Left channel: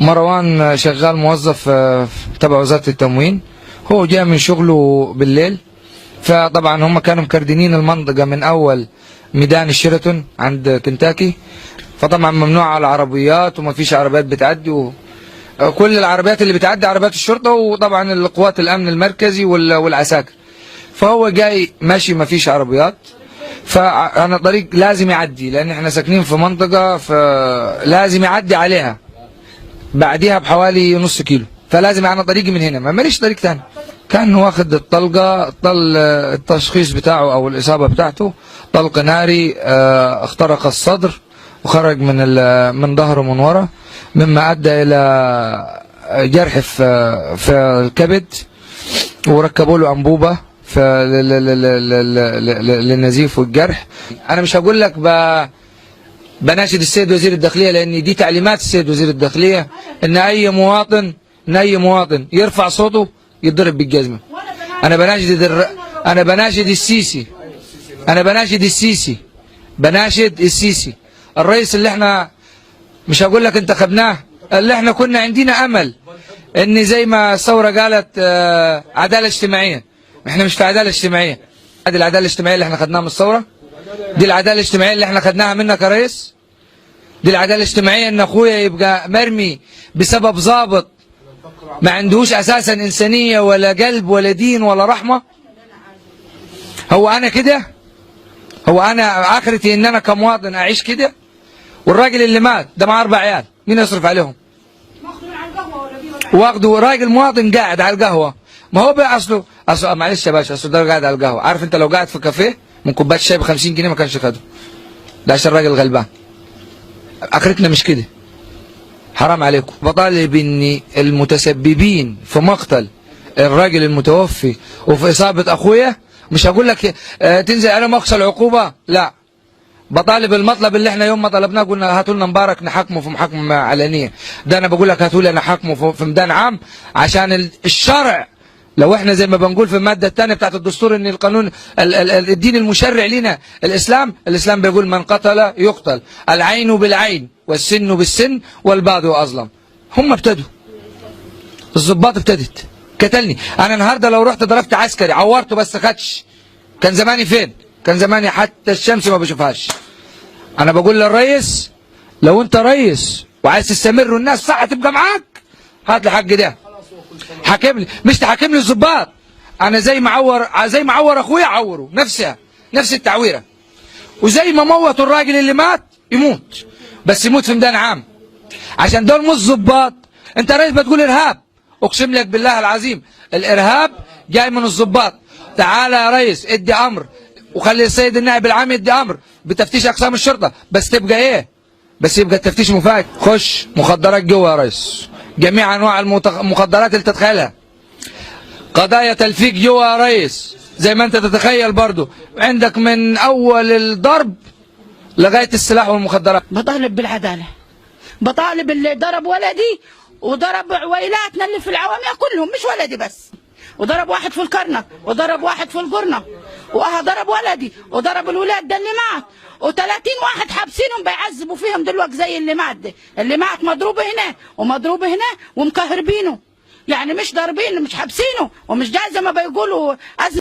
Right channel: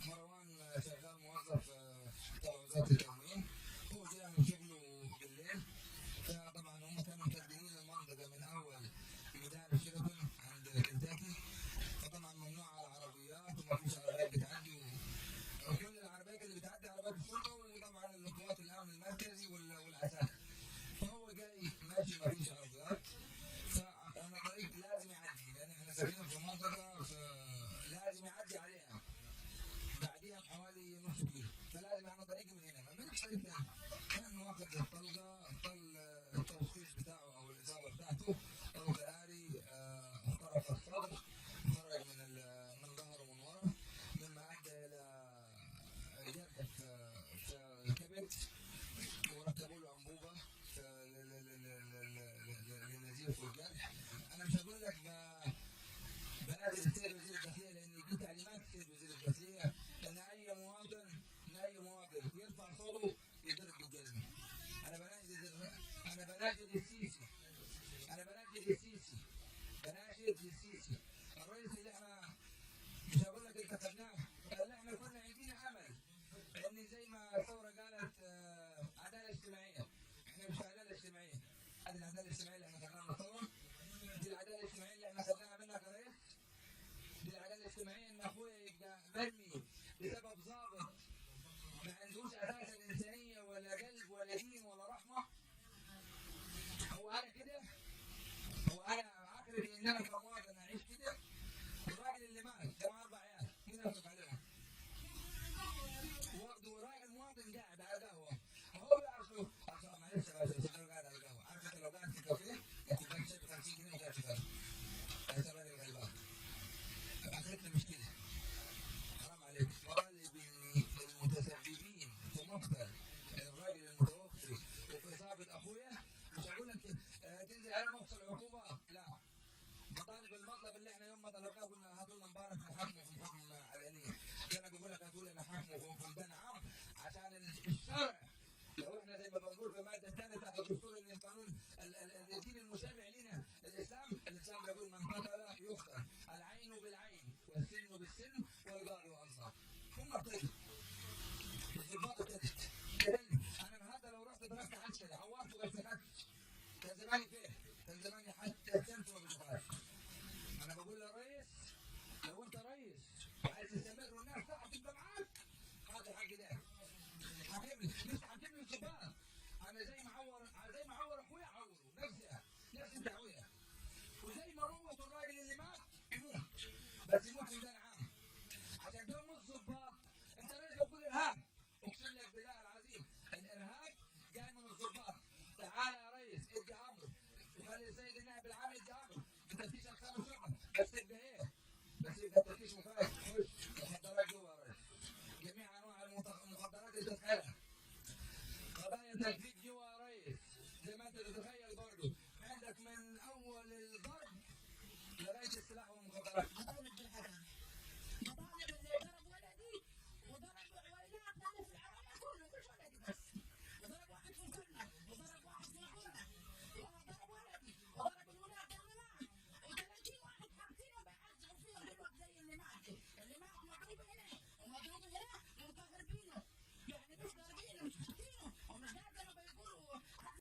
مروان شغال موظف تبع وزارة التموين. هو جاء من شغله بالليل، فطبعا هم كانوا مكردنين المنطقة من أول ميدان الشيراتون عند كنتاكي، فطبعا ممنوع على العربيات وما فيش عربيات بتعدي، وكل العربيات اللي بتعدي عربيات الشرطة وطبعا القوات الأمن المركزي والعساكر. فهو جاي ماشي ما فيش عربيات، فأنا طريق لازم يعدي لأن احنا ساكنين في منطقة فلازم يعدي عليها بعديها بحوالي نص كيلو، فلازم أنا طريقي من هنا، ما ماليش طريق تاني. كان واخد الطلقة، التشخيص بتاعه أو الإصابة بتاعته طلق ناري اخترق الصدر وخرج من ظهره من ورا، مما أدى إلى جرح في الكبد، وركبوا له أنبوبة للنزيف والجرح. أنا مش هقول لك بناشد السيد وزير الداخلية، لأن دي تعليمات السيد وزير الداخلية إن أي مواطن يرفع صوته يتضرب بالجزمة. أنا بناشد السيسي الرئيس اللي احنا مش هقول لك انتخبناه، اللي احنا كنا عندنا أمل إن زي ما الثورة قالت عدالة اجتماعية. احنا مش في عدالة اجتماعية. هذه العدالة الاجتماعية اللي احنا خدناها من الثورة، دي العدالة الاجتماعية اللي احنا خدناها منك يا ريس. دي العدالة الاجتماعية ان اخويا يبقى مرمي بسبب ضابط ما عندهوش اساسا انسانية ولا قلب ولا دين ولا رحمة. هو انا اخرتي ان انا كمواطن اعيش كده؟ والراجل اللي مات ده مع 4 عيال، مين يصرف عليهم؟ واخده راجل مواطن قاعد على القهوة. ما هو بقى اصله معلش يا باشا، اصله ده قاعد على القهوة. عارف انت لو قاعد في كافيه من كوبايه شاي ب 50 جنيه ما كانش خده، ده عشان الراجل غلبان. اخرتنا مش كده، حرام عليكم. بطالب ان المتسببين في مقتل الراجل المتوفي وفي اصابه اخويا، مش هقول لك تنزل عليهم اقصى العقوبه، لا. بطالب المطلب اللي احنا يوم ما طلبناه قلنا هاتوا لنا مبارك نحاكمه في محاكمه علنيه، ده انا بقول لك هاتوا لي نحاكمه في ميدان عام، عشان الشرع. لو احنا زي ما بنقول في الماده الثانيه بتاعت الدستور ان القانون الدين المشرع لنا الاسلام بيقول من قتل يقتل، العين بالعين والسن بالسن والباغي اظلم. هم ابتدوا، الضباط ابتدت قتلني انا النهارده. لو رحت ضربت عسكري عورته بس خدش، كان زماني فين؟ كان زماني حتى الشمس ما بشوفهاش. انا بقول للرئيس لو انت رئيس وعايز تستمر والناس صح تبقى معاك، هات لي حق ده، حاكم لي، مش تحاكم لي الضباط. انا زي ما عور اخويا عوره نفس التعويره، وزي ما موتوا الراجل اللي مات يموت، بس يموت في ميدان عام، عشان دول مش ضباط. انت رئيس بتقول ارهاب، اقسم لك بالله العظيم الارهاب جاي من الضباط. تعالى يا ريس ادي امر وخلي السيد النائب العام يدي امر بتفتيش اقسام الشرطه، بس تبقى ايه؟ بس يبقى التفتيش مفاجئ. خش مخدرات جوه يا ريس، جميع انواع المخدرات اللي تتخيلها، قضايا تلفيق جوه يا ريس زي ما انت تتخيل برضو، عندك من اول الضرب لغايه السلاح والمخدرات. بطالب بالعداله، بطالب اللي ضرب ولدي وضرب عويلاتنا اللي في العوامية كلهم، مش ولدي بس، وضرب واحد في الكرنك وضرب واحد في القرنة، ضرب ولدي وضرب الولاد ده اللي مات، و30 واحد حابسينهم بيعذبوا فيهم دلوقتي زي اللي مات ده. اللي مات مضروب هنا ومضروب هنا ومكهربينه، يعني مش ضاربينه، مش حابسينه، ومش جاي زي ما بيقولوا